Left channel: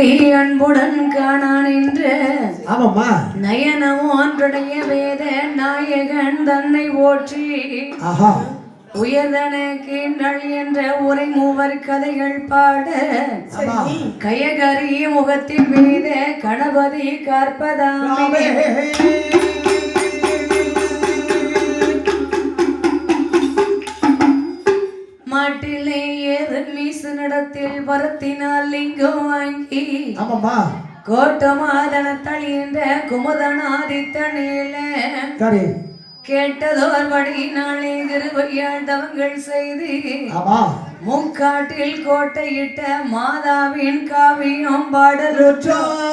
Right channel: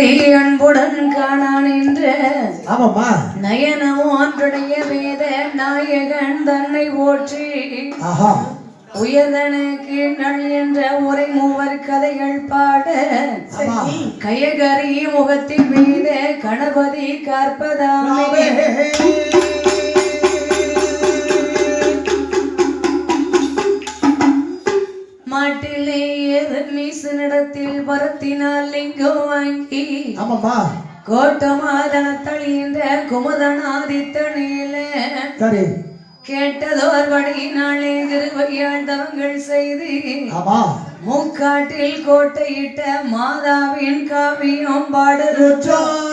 அன்புடன் காணான் என்ற ஆமாமா நயனமோன்றுடைய வேத நாயகன் தன்னை போற்றி உயர்தனுக்கு நல் என்ற உரை கதைகள் பாட கயகரி முகத்தின் மீது கணபதி கற்பதாமே. ஆமாமா கோட்டமாதனத்தளிந்த குமுதனாதித்தனிலே சரி. கேட்டதோர் வழியினாலே கிருபையால் தவங்கள் செய்து. ஆமா முக்காட்டில் கோட்டையிட்ட மாதாவின் காவியம் பாடலுற்றோம்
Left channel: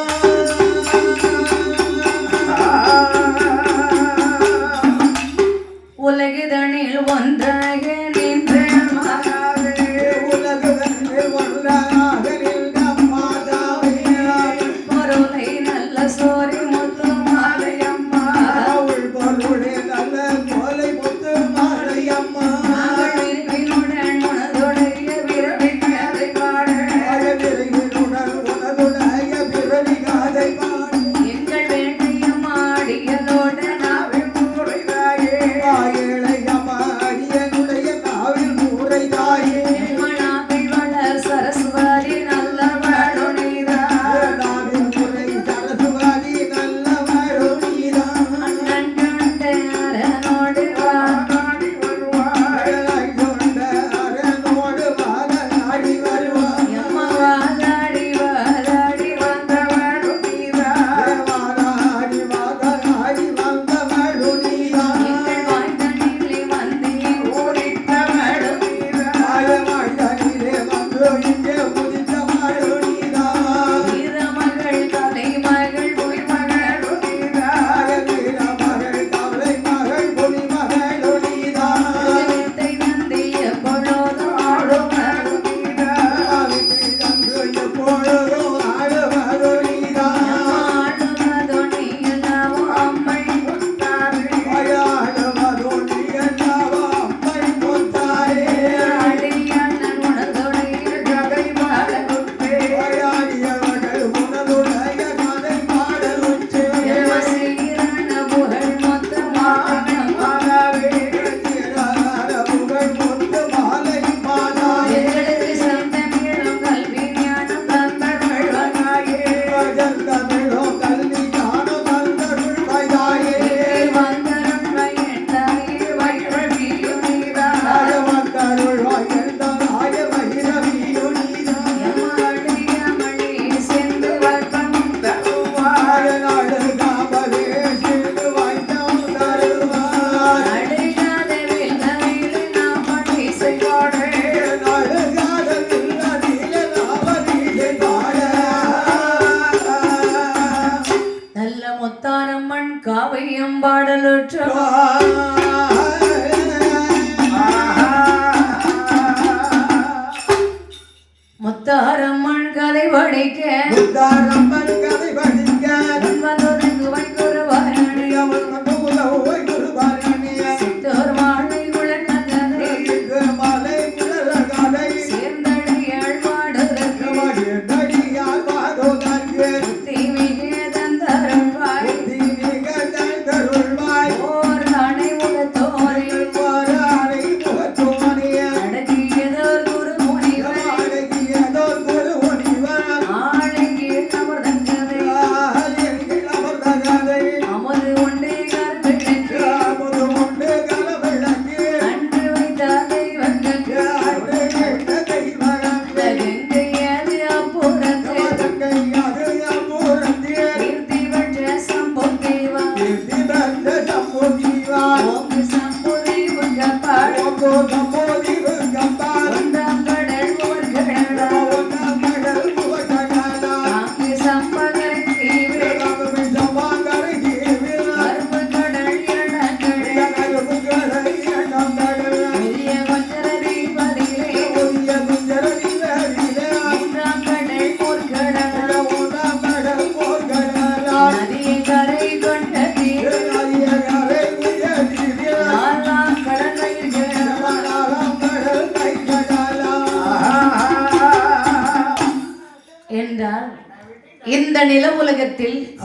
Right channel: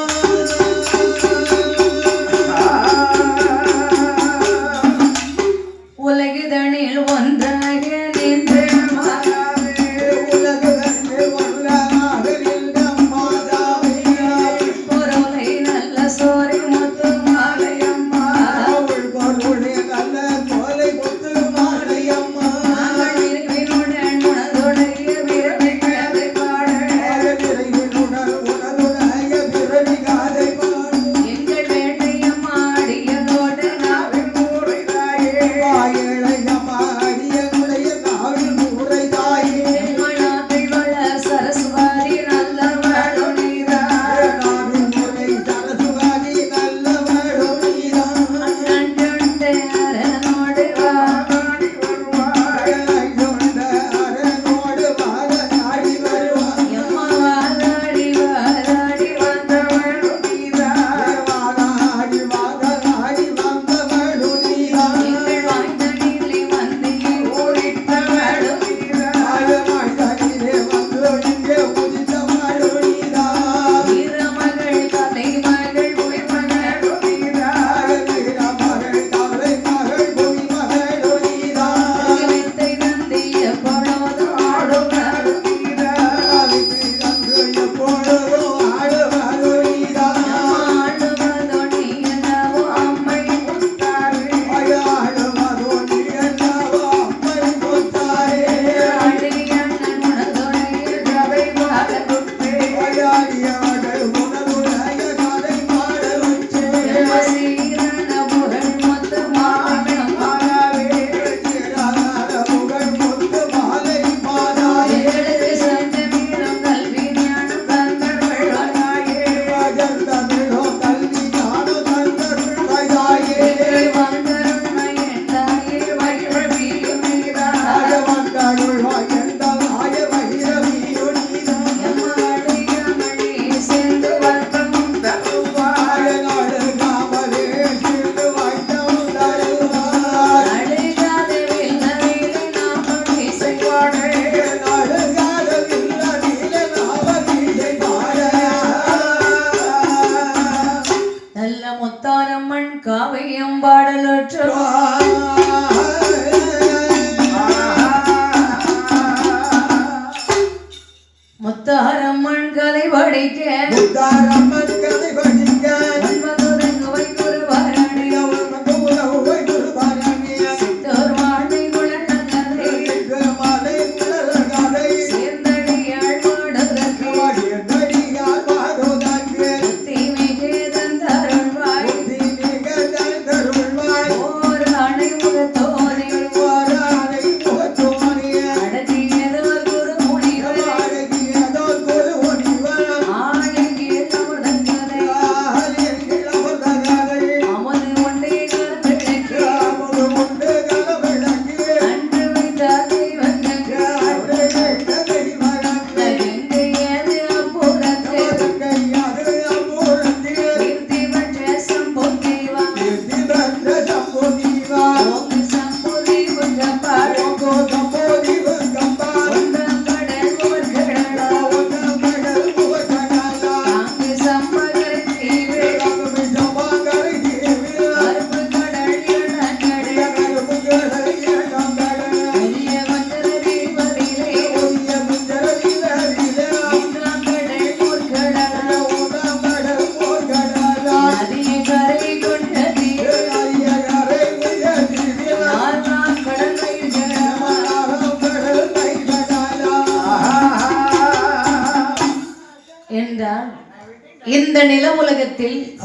இந்த நில உலகத்தில்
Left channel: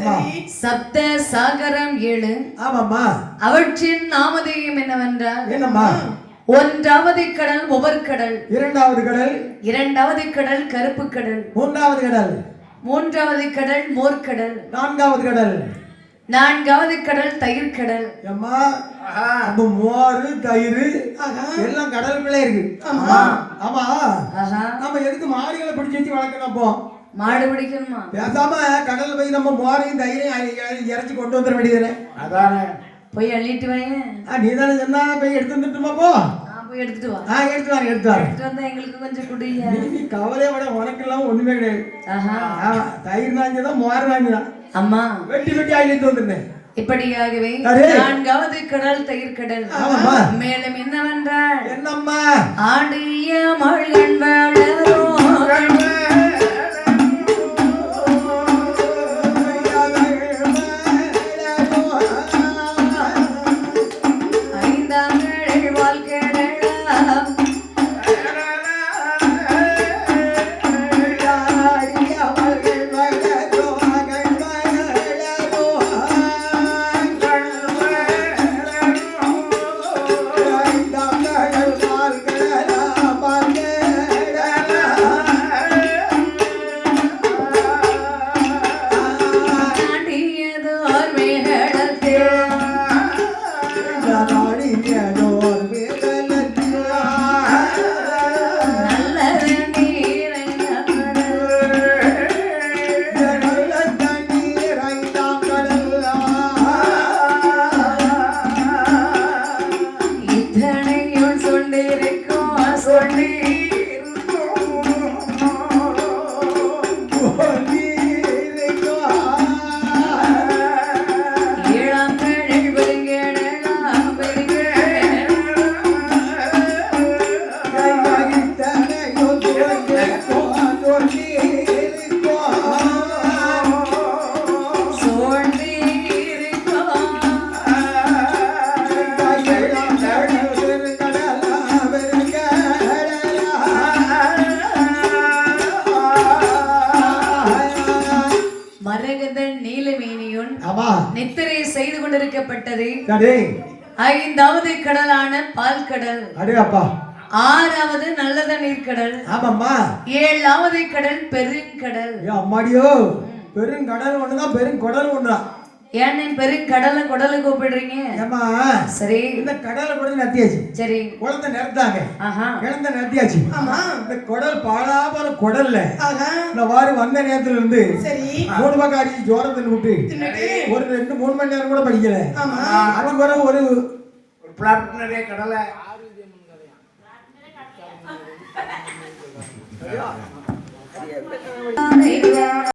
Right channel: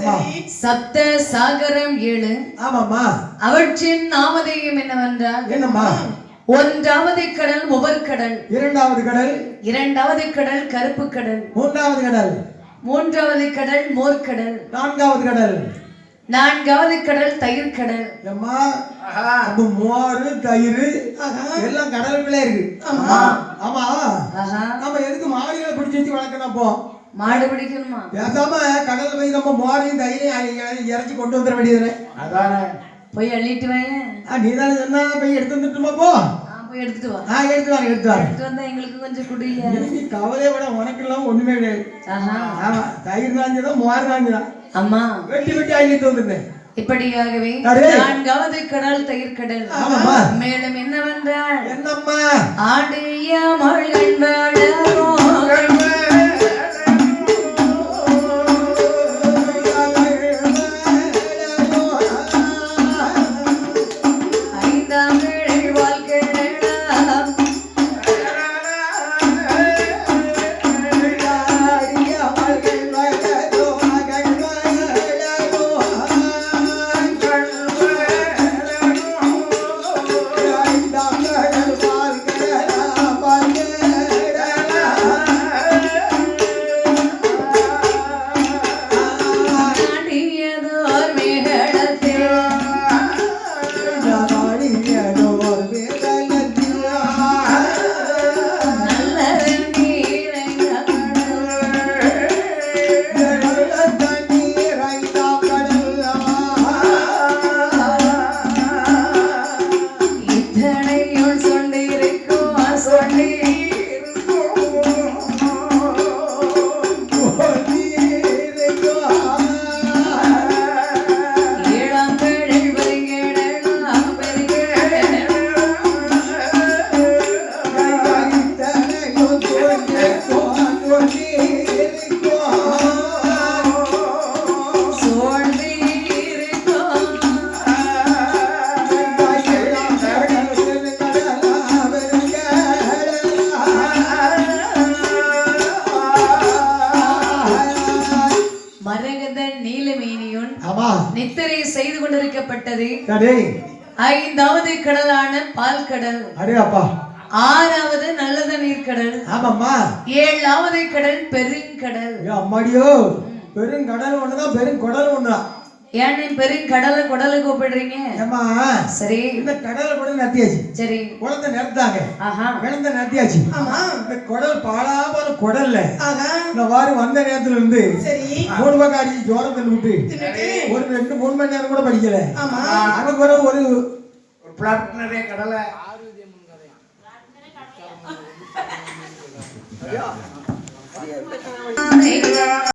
சப்த சாகரம் ஏழு. ஆமாம்மா. அவற்றின் நாமதேயம் என்னவென்றால் என்னம்மா? ஒன்றாவது கடல் ஒவ்வொரு கடல். இரண்டாவது கடல்? இரண்டாவது கடல் கருப்பு கடல். மூன்றாவது கடல்? மூன்றாவது கடல் மோர்க்கடல் நான்காவது கடல்? நான்காவது கடல் தயிர் கடல். அம்மா மோர் தயிர் எல்லாம் கடலுக்குள்ளே இருக்கு. ஆமா. ஆமா. மாடு பிடிக்கணுமா? பேசாம கடல் போய் நம்ம மோரையும் தயிரையும் இறச்சி கொண்டு வந்துட வேண்டியதுனே அதானே. போய் அள்ளிட்டு வாங்க நீ தானே சொன்னா போய் எடுத்து வந்துட்டுமா போ. நான் போய் எடுத்துட்டு வா. ஆ எடுத்து வந்தா எங்களுக்கு கொஞ்சம் குடியா நீ கவலையை விட உனக்கு எல்லாம் ஒண்ணுமே கிடையாது. ஆஹா. ஆமா தயிர் நாஞ்சதான் மோர் நாஞ்சதான். அம்மா. வெட்டி வெட்டி அள்ளிட்டு இப்படியாகவே. நான்காவது கடல் தயிர் கடல். மேலும் என்னவென்றால் என்னம்மா? ஆடிய மழை மரகத நீலமேனியுன் நித்திரை செய்து கொண்டிருக்கப்பட்டது. ஐந்தாவது கடலான பால் கடல் அடே அப்பா. ஆறாவது நல்லத நீர்க்கடல். ஆமாம்மா. ஏழாவது கடல் பெருங்கடல். ஐயோ அம்மாடியோ. பெருங்கடல் ஒண்ணுதான் பெருங்குடல் ஒண்ணுதான். ஏன்னு பெருங்கடலை குடலை கூப்பிடுறீங்க? ஏமா சரி. இந்த கடலை கூட நத்தியாச்சு. சரி. குழந்தை நிறுத்தாங்க. ஆஹா. குழந்தை நத்தியாச்சு. இந்த குடல் பாழாம குடல்ல இந்த வாரி வந்த நேரத்துல இருந்து மூணு பக்கம் அடிச்சு ஜோரத்தில் விட்டு ஒரு ரெண்டு மூணு மணி நேரம் கூட படிக்கல. அதுக்கு பிறகு ஒரு ஒரு பிளாட் நிறைய கடலை.